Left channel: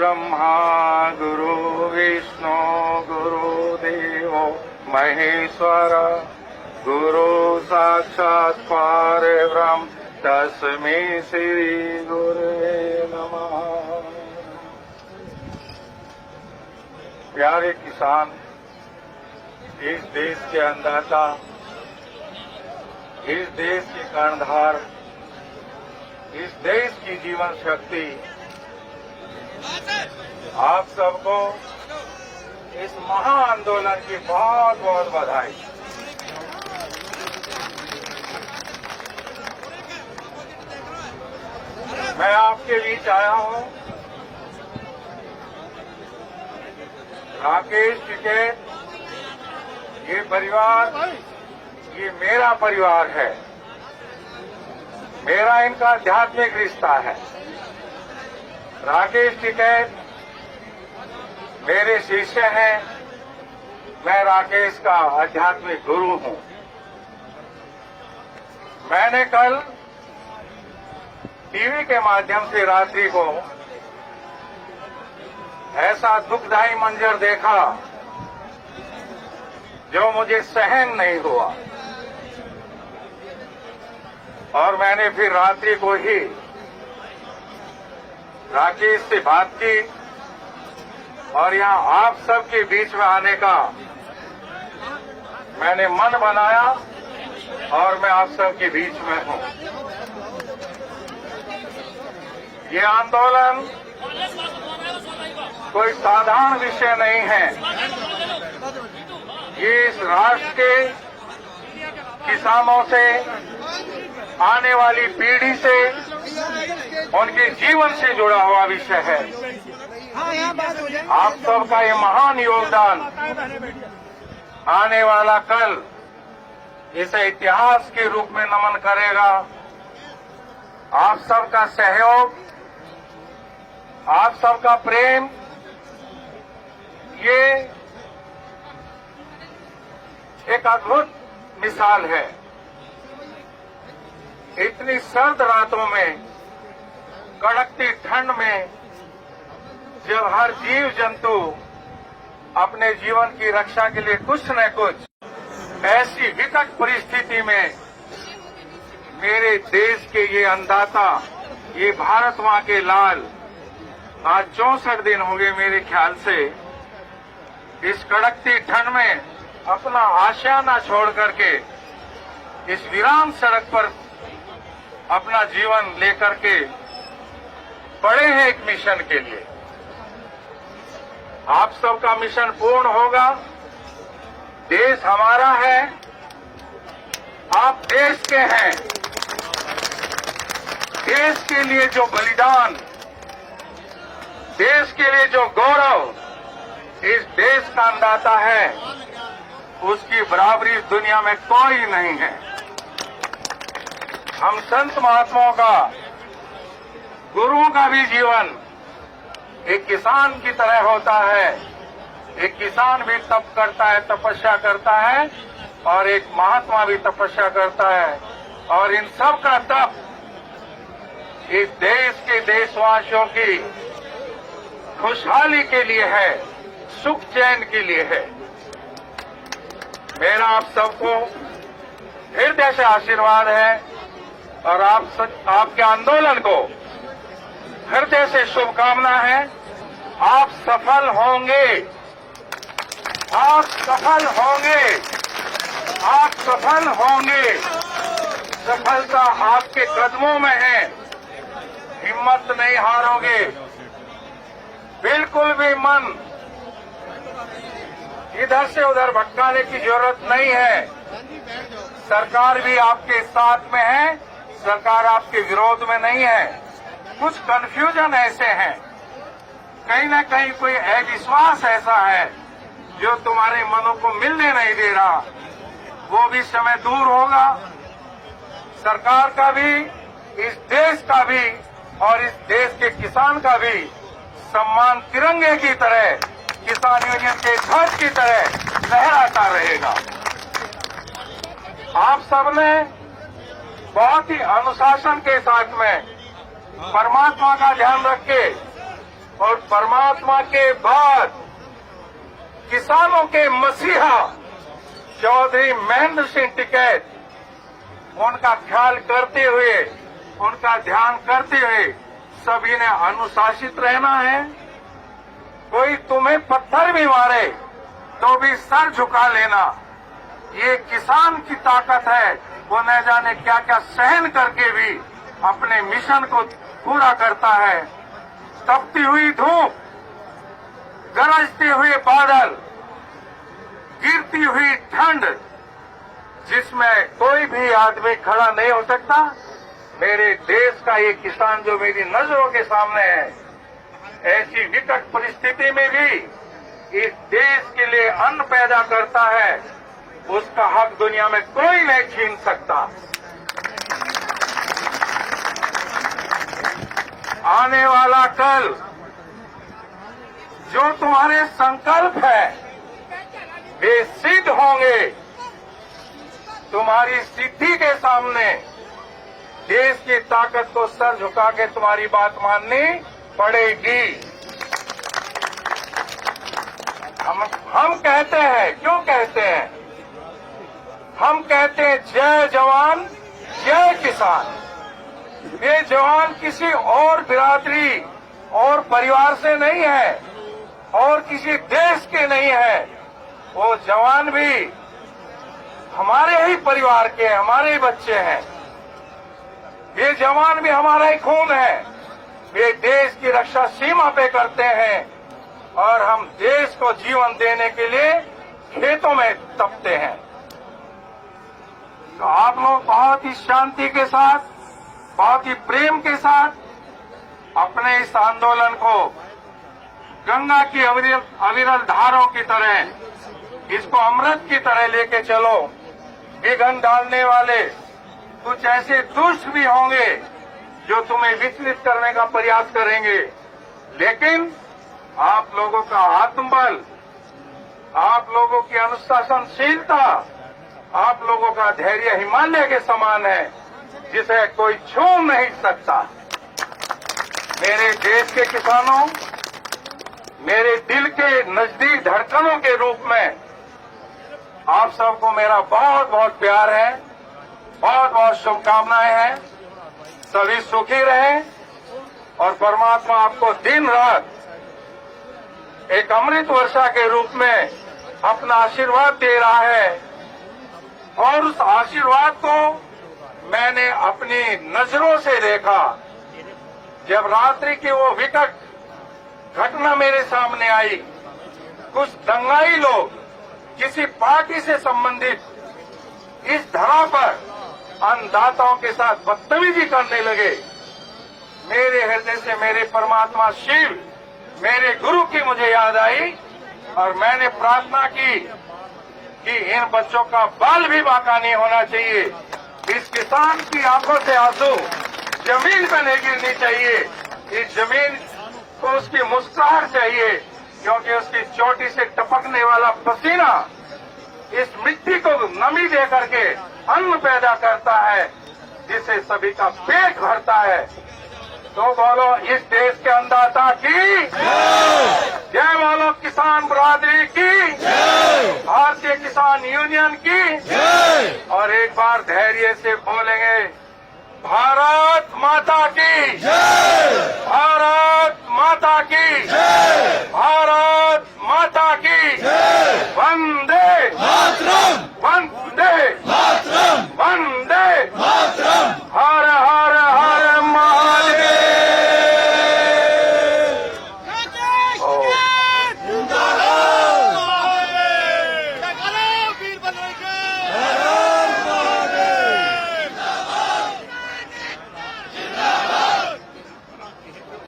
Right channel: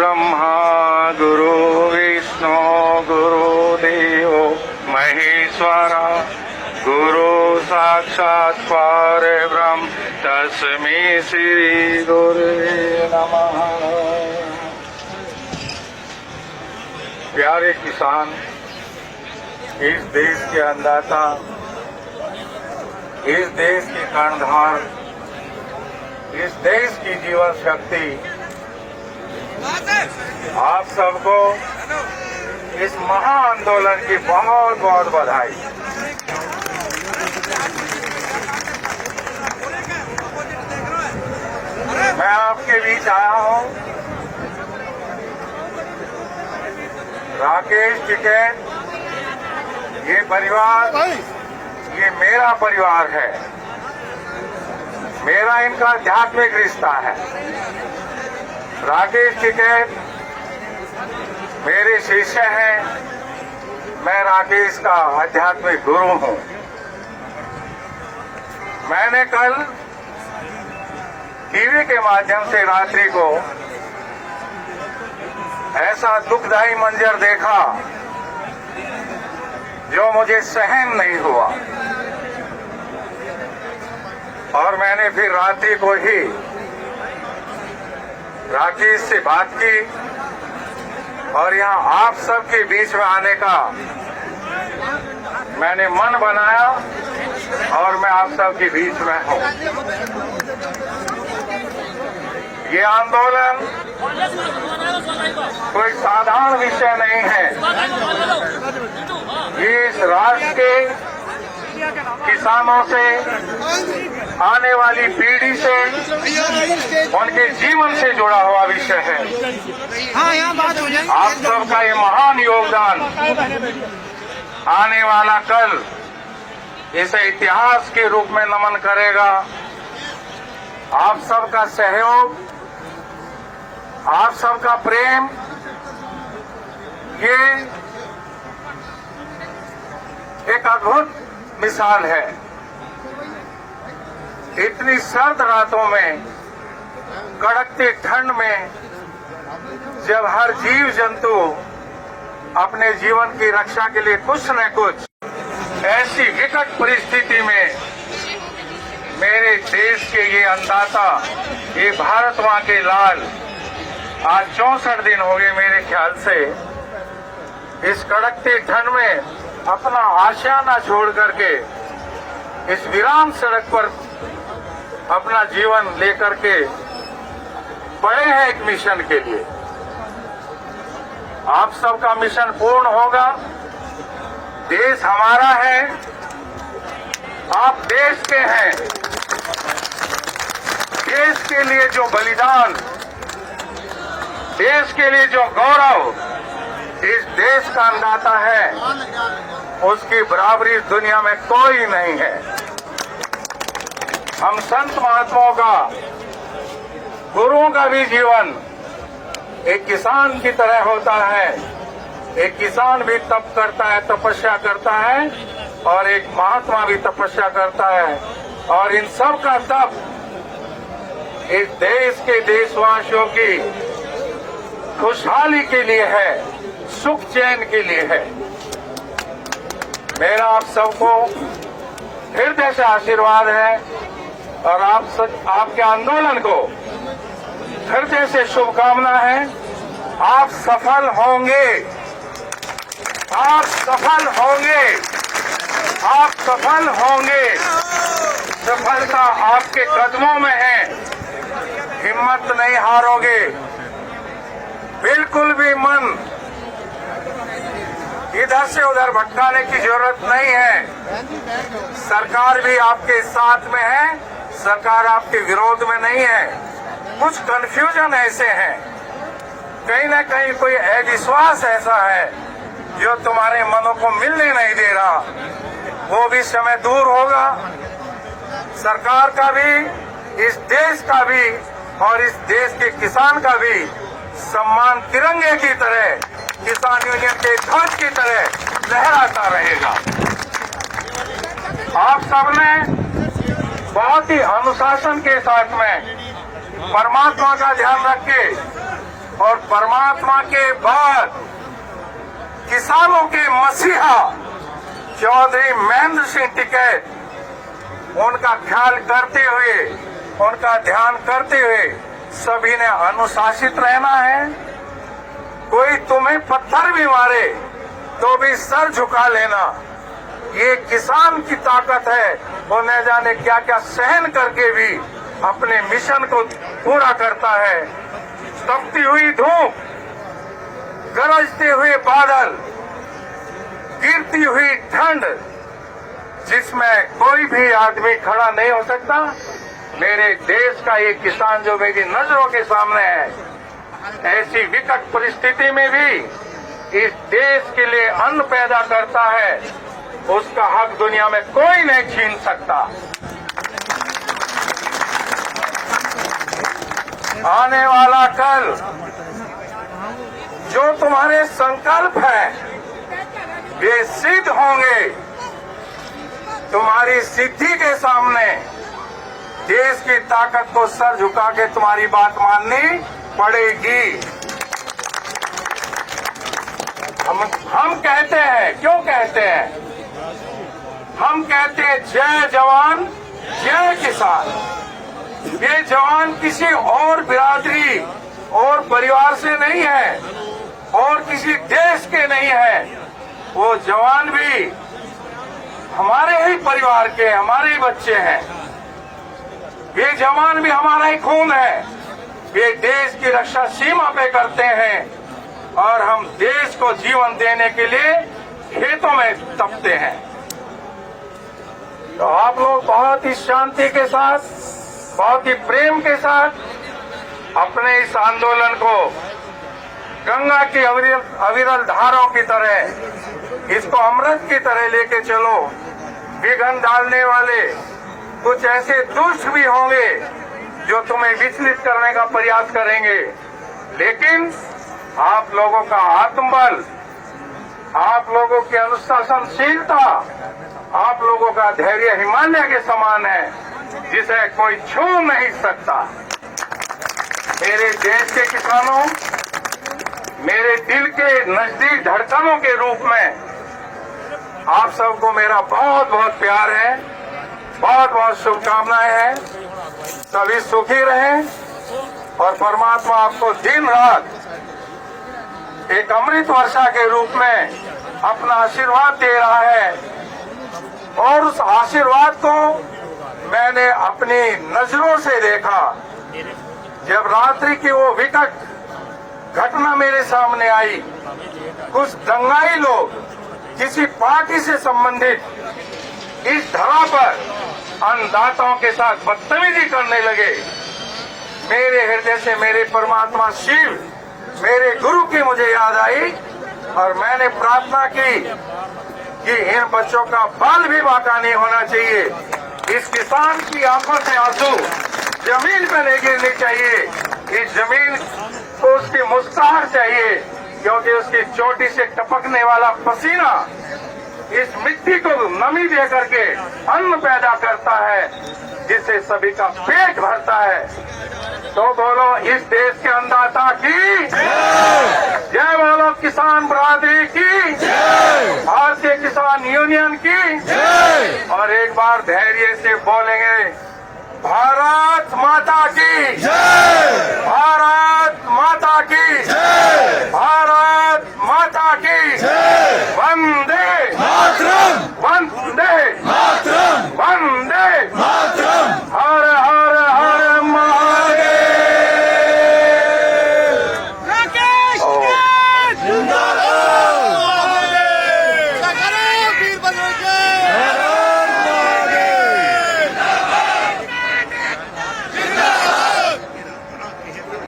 ब्रह्मा गुरु विष्णु गुरुदेव महेश्वर गुरु साक्षात् परब्रह्म तस्मै श्री गुरुवे नमः। प्यारे किसान, इस देश के अन्नदाता, इस देश की कर्णधार, इस देश की जीवन शक्ति, आप सबको इस महा आंदोलन की बहुत बहुत बधाई। मैं आपके बीच आया हूं। राकेश टिकैत, ये परिवार, ये मेरा परिवार है, मेरा इनका आध्यात्मिक रिश्ता है। राकेश टिकैत मेरे शिष्य हैं, मैं राकेश का आध्यात्मिक गुरु हूं। मैंने कल टीवी के माध्यम से रात्रि को ऐसा दुखदायी मंजर देखा जो मुझे सहन नहीं हुआ, और मैंने फिर रात्रि को ही राकेश से बात की और यहाँ आप सबके बीच में आने का मैंने मन बनाया और मैं आप सबके बीच में हूँ। ये आंदोलन कोई साधारण विषय नहीं है। ये इस राष्ट्र के किसानों से, आने वाली पीढ़ी से, उनके जीवन से जुड़ा हुआ विषय है। हाँ, यहाँ बात हो जाए। आप सबका ये महान योगदान आने वाला कल इसे इतिहास के रूप में नमन करेगा। आप सबका सहयोग, आप सबका प्रेम, ये एक अद्भुत मिसाल है। इतनी सर्द रातों में, कड़कती ठंड में, जब हर जीव जंतु अपने जीवन की रक्षा के लिए कुछ न कुछ, ऐसी विकट परिस्थिति में मेरे देश के ये अन्नदाता, ये भारत मां के लाल, आज 64 दिन हो गए मेरे ख्याल से, इस कड़कती ठंड में अपना आशियाना छोड़ करके इस वीरान सड़क पर अपना जीवन लेकर के बड़े हैं एक मिशन के लिए। आप सबका मिशन पूर्ण होगा। देश हमारा है, आप देश के हैं। देश के लिए जो बलिदान, देश के लिए जो गौरव इस देश का अन्नदाता है, उसकी बराबरी इस दुनिया में कोई नहीं है। हम संत महात्माओं का, गुरुओं का भी जीवन एक किसान की तरह होता है। एक किसान भी तप करता है, तपस्या करता है, और एक महात्मा भी तपस्या करता है, और इन सब का तप इस देश के देशवासियों की खुशहाली के लिए है, सुख चैन के लिए है। मेरा आप सबको हृदय से आशीर्वाद है, और आपके आंदोलन को हृदय से शुभकामना है। आप सफल होंगे, आप सफल होंगे, आप सफल होंगे। सफलता आपके कदमों में है। हिम्मत नहीं हारोगे, बिल्कुल भी मन इधर से उधर भटकाने की जरूरत नहीं है। सरकार भी आपके साथ में है, सरकार आपके विरोध में नहीं है। कुछ कंफ्यूजन ऐसे हैं, कहीं न कहीं कोई अविश्वास ऐसा है जो तुम्हारे मनों को मिलने नहीं दे रहा। वो भी समय दूर होगा। सरकार का भी, इस देश का भी, और इस देश के किसान का भी सम्मान तिरंगे की तरह, किसान यूनियन के ध्वज की तरह लहराता रहेगा। आप सबने बहुत ही अनुशासन के साथ में, परमात्मा का ध्यान रख के, और परमात्मा के बाद किसानों के मसीहा चौधरी महेंद्र सिंह टिकैत, उनका ख्याल करते हुए, उनका ध्यान करते हुए सभी ने अनुशासित रहना है। कोई तुम्हें पत्थर भी मारे तो भी सर झुका लेना। ये किसान की ताकत है, वो न जाने क्या क्या सहन करके भी अपने मिशन को पूरा करता है। तपती हुई धूप, गरजते हुए बादल, गिरती हुई ठंड, जिसमें कोई भी आदमी खड़ा नहीं हो सकता, मेरे देश का ये किसान जो मेरी नजरों के सामने है, ऐसी विकट परिस्थिति में भी इस देश के लिए अन्न पैदा करता है, उसका हक दुनिया में कोई नहीं छीन सकता। आने वाला कल जो तुम्हारे संकल्प है वे सिद्ध होंगे। तुम्हारी सिद्धि के सामने देश की ताकत को सर झुका के तुम्हारी बात माननी पड़ेगी। हम कहते हैं, क्यों कहते हैं? हम कहते हैं जय जवान जय किसान। ये जवान किसी और बिरादरी और परिवार से नहीं है और किसी देश के नहीं है। वो जवान भी हमारे ही परिवार के, हमारे ही बच्चे हैं। ये जवान भी हमारा ही खून है। ये देश की रक्षा सीमा पे करते हैं और हम देश को जीवन देने के लिए खेतों में तपते हैं। तो आप लोग बहुत ही शांति के साथ, बहुत ही प्रेम के साथ अपने इस आंदोलन को गंगा की अविरल धाराओं की तरह, इसको अमृत की तरह लेके चलो। विघ्न डालने वाले कुछ ऐसे दुष्ट भी होंगे जो तुम्हें विचलित करने का प्रयास करेंगे, लेकिन आप लोगों का आत्मबल, आप लोगों की अनुशासनशीलता, आप लोगों का धैर्य हिमालय के समान है, जिसे कोई छू नहीं सकता। मेरे देश के किसानों, मेरे दिल के नजदीक धड़कनों के रूप में आप सबको मेरा बहुत बहुत प्यार है, बहुत बहुत शुभकामनाएं हैं। सभी सुखी रहें और परमात्मा आपको दिन रात एक अमृत वर्षा के रूप में अपना आशीर्वाद दे रहा है। और उस आशीर्वाद को मैंने अपनी नजरों से देखा जब रात्रि की वो विकट घटना मेरे सामने आई। कुछ दंगाई लोग किसी पार्टी से संबंधित इस धरा पर अन्नदाताओं के साथ बदतमीजी करने लगे। मेरे हृदय से मेरे परमात्मा शिव, मेरे गुरु की मुझे याद आई और मैंने प्रार्थना की कि इन बच्चों का बाल भी बांका नहीं होना चाहिए। इस किसान की आंखों से आंसू जमीन का नहीं गिरनी चाहिए। इस जमीन को उसकी मुस्कुराहट चाहिए, क्योंकि उसकी चोटी से टपकने वाला पसीना इस मिट्टी को नमी दे करके अन्न पैदा करता है, जिससे सभी का पेट भरता है। तो बोलो इस देश के अन्नदाता की जय, बोलो किसान बरादरी की जय, भारतीय किसान यूनियन की जय। और एक बार धैर्य से बोलेंगे भारत माता की जय, भारत माता की जय, भारत माता की जय। वंदे मातरम, वंदे मातरम, वंदे मातरम।